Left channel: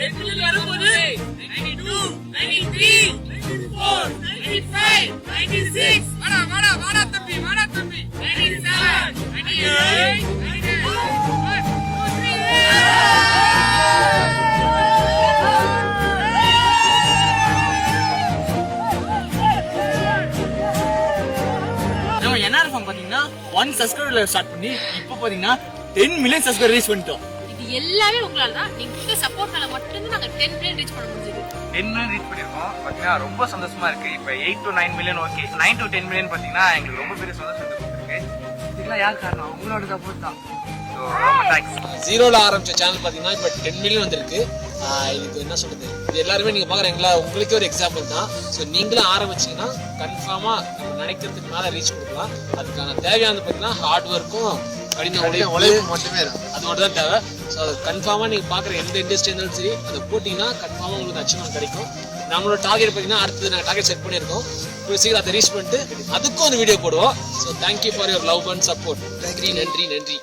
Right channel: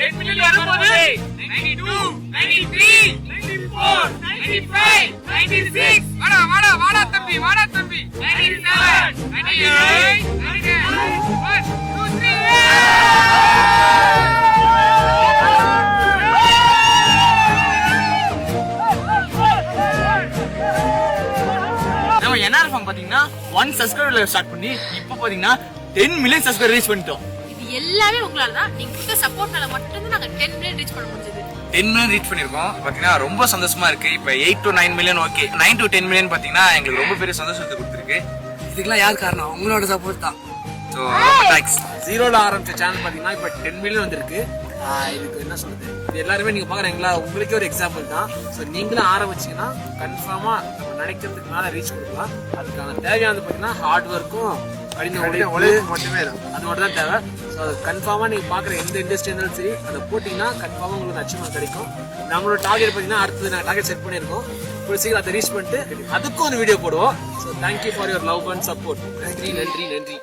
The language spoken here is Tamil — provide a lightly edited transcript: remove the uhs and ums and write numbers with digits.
10 மில்லியன் வரும்போது 92 93 94 95 96 வாடா தம்பி 97 98 99 1 2 3 நம்ம என்ஆர்எஃப்எம் பாத்தீங்கன்னா 1 சப்ஸ்கிரைபர்ல ஸ்டார்ட் பண்ணி இப்போ பாத்தீங்கன்னா 10 மில்லியன் சப்ஸ்கிரைபர் ரீச் பண்ணிட்டோம். இது எல்லாமே உங்களால தான். நீங்க கொடுத்த சப்போர்ட்னால மட்டும் நாங்க 10 மில்லியன் ரீச் பண்ண முடிஞ்சது. 10 மில்லியன் ரீச் பண்ணிருக்கோம். பாத்தீங்கன்னா ரொம்ப சந்தோஷமா இருக்கு. இப்போ 8 to 9 million okay, 9 to 10 million பாத்தீங்கன்னா எங்களுக்கு ரொம்ப பெரிய சந்தோஷத்தை கொடுத்துருக்கு. இதுக்கெல்லாம் யார் காரணம்? உங்களோட சப்போர்ட் தான். So thanks. ஜீரோல ஆரம்பிச்ச சேனல் பாத்தீங்கன்னா இப்போ 10 மில்லியன் வந்திருக்கு. இதுக்கு என்ன சொல்றது, இது எல்லாருமே நீங்க பாக்குறீங்களா, உங்களுக்கே ஒரு எக்ஸாம்பிள் தான். ஸோ நீங்களும் ஆரம்பிச்சீங்கன்னா கன்ஃபார்மா நம்ம நினைக்கிறதுக்கு மேல ரீச் கொடுக்கலாம். அதுக்கான தேவையானது பாத்தீங்கன்னா ஹார்ட் ஒர்க்கும் கடின உழைப்பு மட்டுமே தான். அது மட்டும் தான் தேவை. ஸோ அது கன்ஃபார்மா நீங்க பாக்குற எந்த இண்டஸ்ட்ரி இருந்தாலும் சரி அதை போட்டீங்கன்னா கன்ஃபார்மா உங்களுக்கு அச்சீவ்மெண்ட் கிடைக்கும். நம்மளோட டார்கெட் பாத்தீங்கன்னா அடுத்தது நாங்கள் டார்கெட் செட் பண்ணியிருக்கோம். சீக்கிரம் அதை ரீச் பண்ணிட்டு அதுக்கும் ஒரு வீடியோ போடுவோம். So thank you for your love and support. நன்றி.